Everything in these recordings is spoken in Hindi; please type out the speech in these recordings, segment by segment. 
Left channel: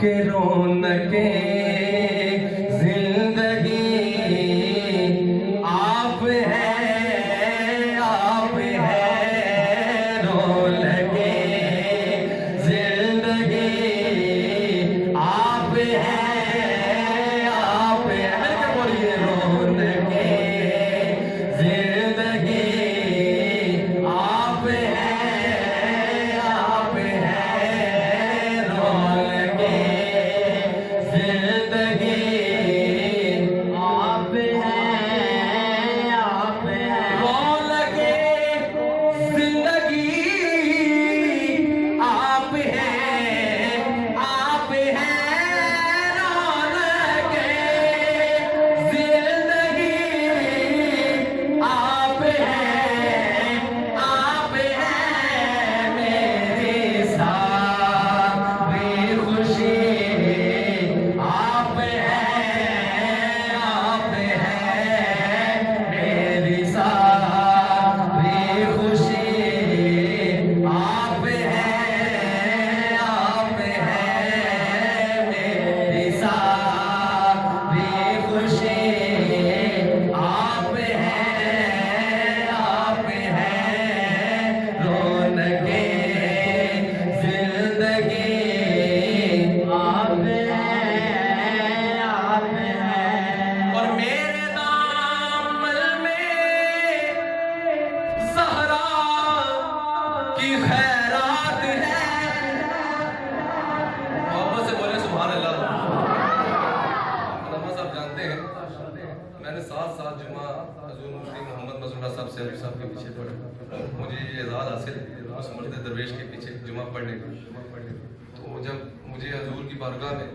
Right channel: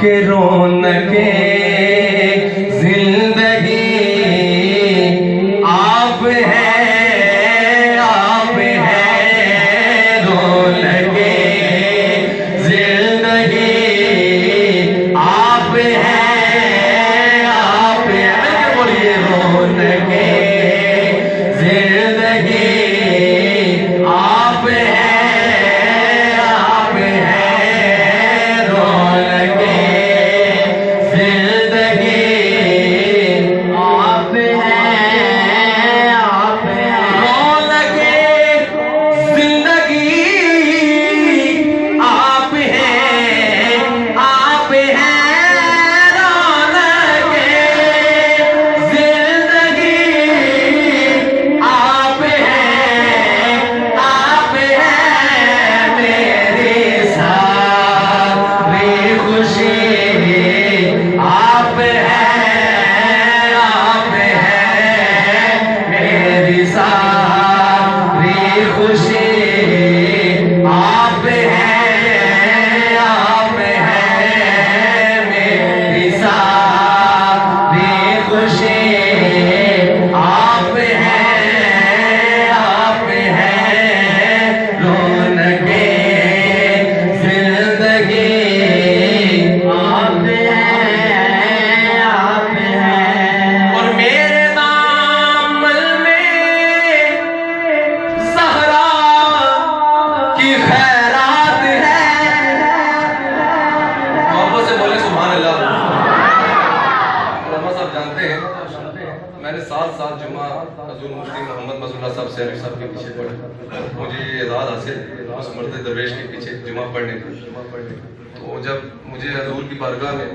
के रौनके जिंदगी आप हैं, आप हैं। रौनके जिंदगी आप हैं, आप हैं। मिलके बोलिए, रौनके जिंदगी आप हैं। मैंने 7 साल जुमा हजूर मुफ्ती मोहम्मद मसूल्ला साहब से साहब के पीछे पढ़ा। मुझे ये एजाज़ हासिल उस मर्द दरवेश के पीछे जुमा पढ़ने का। तो जब मुझे हजूर की बारगाह में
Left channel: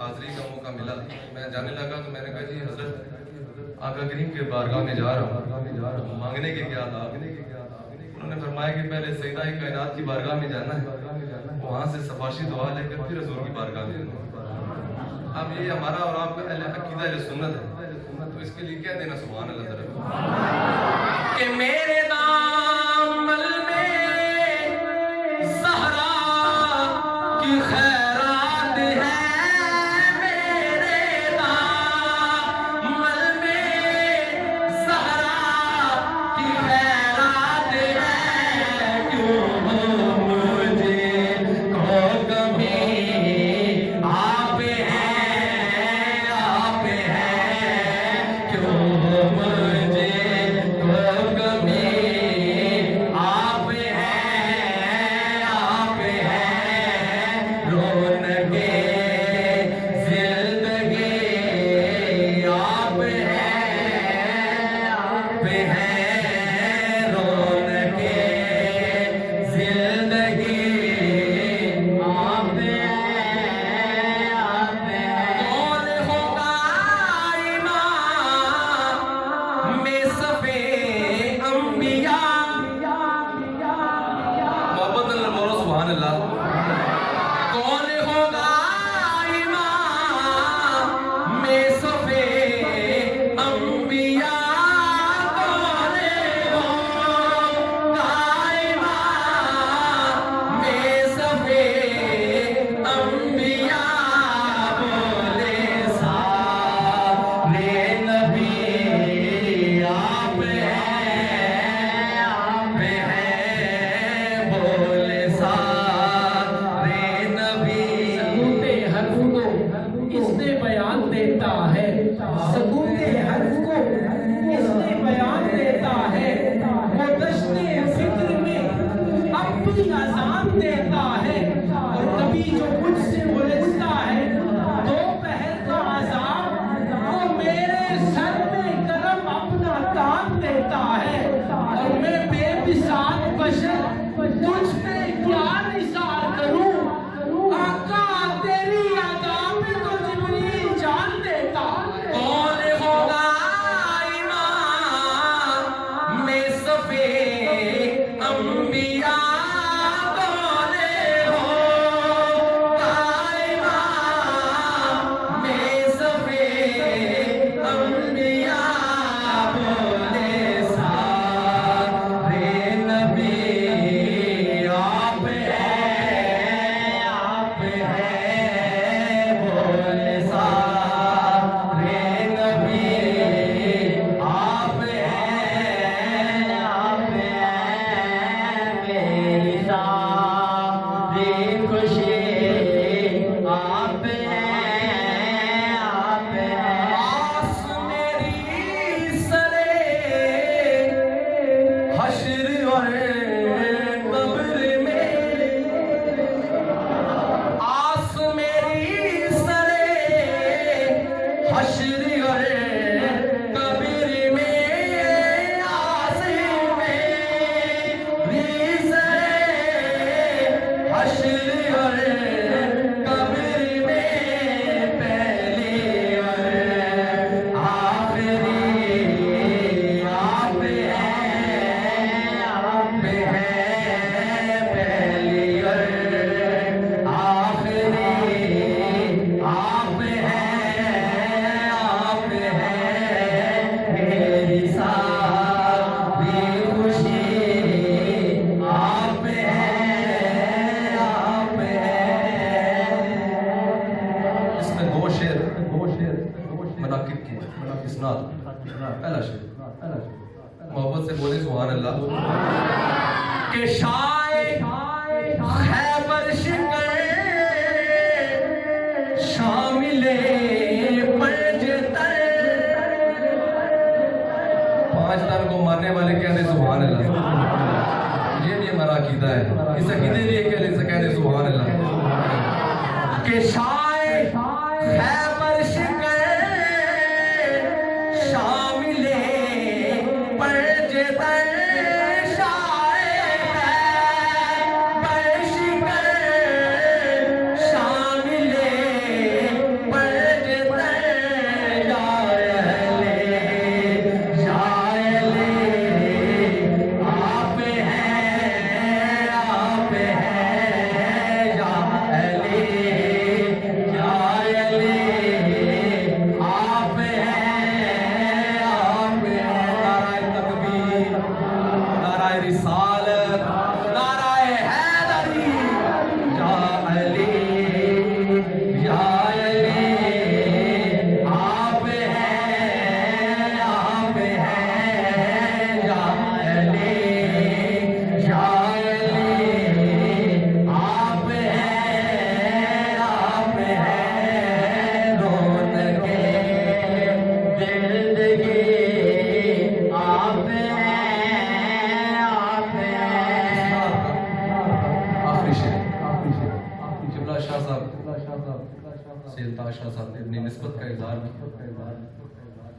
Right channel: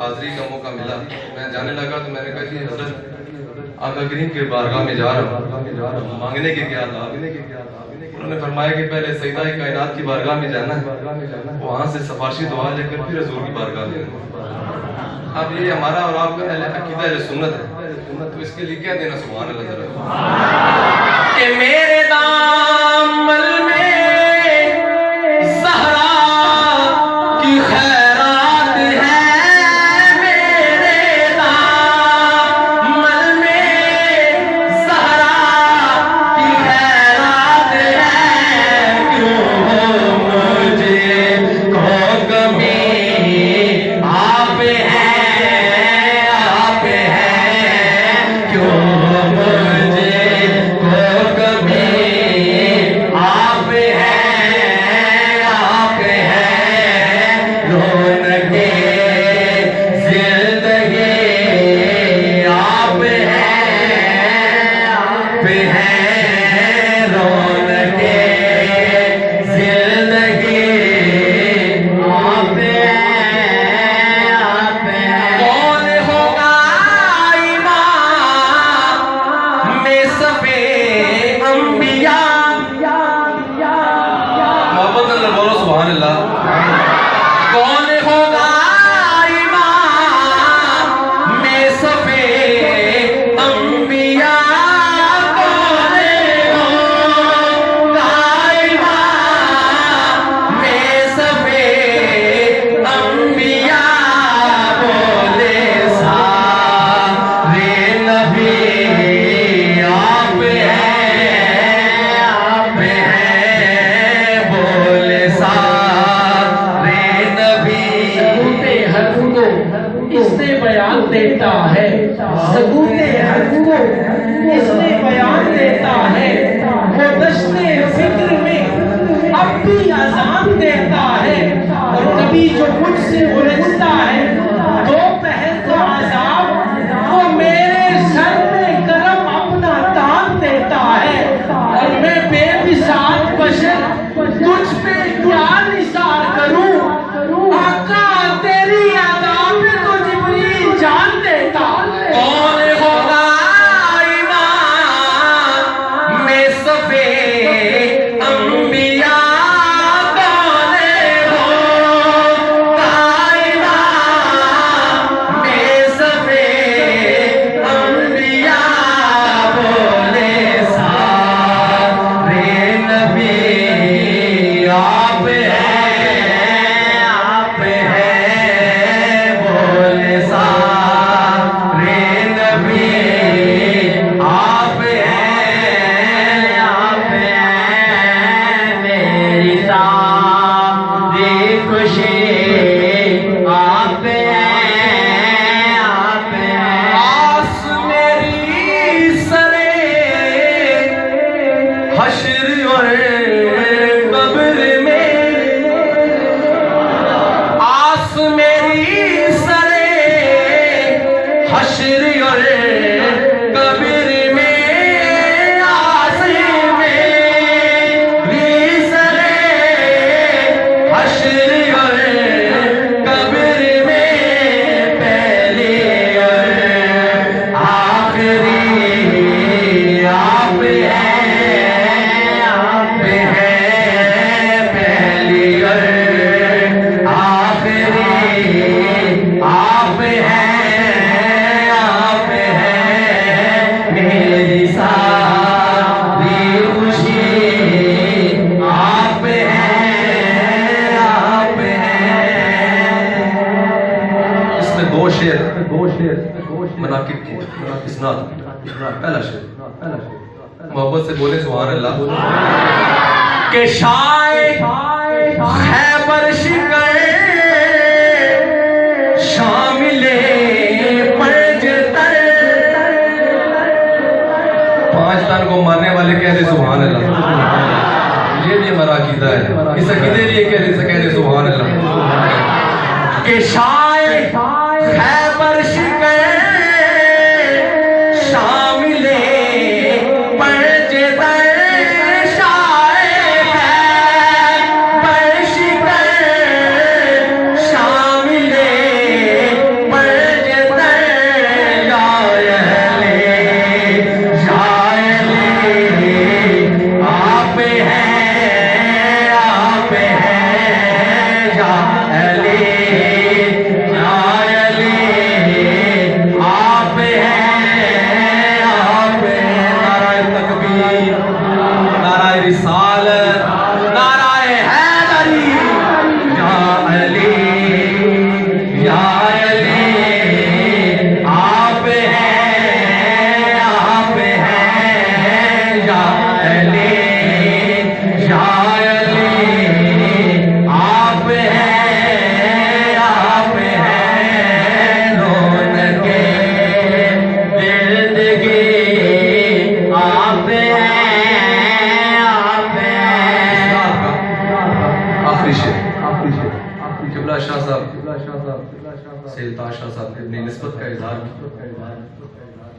हाज़री का मौका मिला, मैं जाने लगा तो मैंने कहा जी हज़रत आका करीम के बारगाह में जा रहा हूँ, मांगने के क्या था। उन्होंने फरमाया कि पहले सईदा कायनात की बारगाह में जाना है, वहाँ से सफारशी दुआ लेकर फिर हजूर की बारगाह में। अब ये हमारा और आपका अकीदा जो सुन्नत है, तो इसके लिए क्या देना सुभान अल्लाह जरा कि मेरे दामन में ज़हरा की खैरात है, मेरे दामन में ज़हरा की खैरात है। क्यों मुझे को कमी आप हैं, आप हैं। क्यों मुझे इसनाद पहला शेर मोहब्बत से बोले सुभान अल्लाह के शाय खैबर शिकर शामिले पंजतर 5 तन को मारने वाले कह दे सुभान अल्लाह। ये भी हमारा अकीदा है, इस अकीदे लिए कह दे सुभान अल्लाह के शाय खैबर शिकर शामिले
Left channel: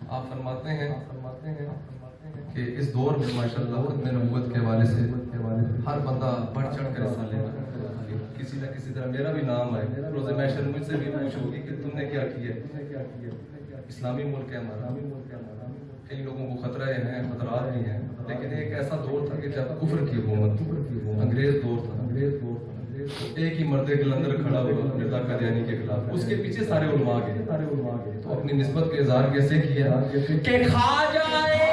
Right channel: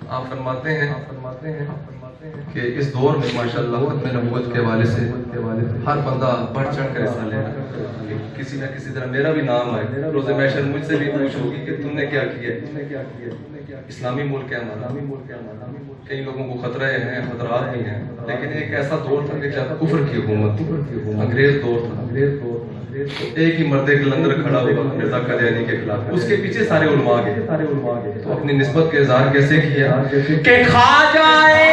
आप फरमाते हैं कि इस दौर में माशाअल्लाह खत्म नबूवत के हवाले से हर बंदा बढ़ चढ़ कर हिस्सा ले रहा है। किसी न किसी तरह मेरा भी नाम आए, रोज़े महशर मुझसे भी पूछ होगी कि तुमने क्या किया। इस्लामी मुल्क है हमारा, कई लोगों को खतरा है, खतरात भी हैं, लेकिन एक ऐसा दौर था कि जब कुफ्र की हुकूमत, अंग्रेज दौर था। एक ही मर्द कलंदर खड़ा हुआ मिर्जा कादियानी के खिलाफ, उसके पीछे सारे उलमा गए। तो अपनी निस्बत के इज़हार कैसे किया कि खा जाए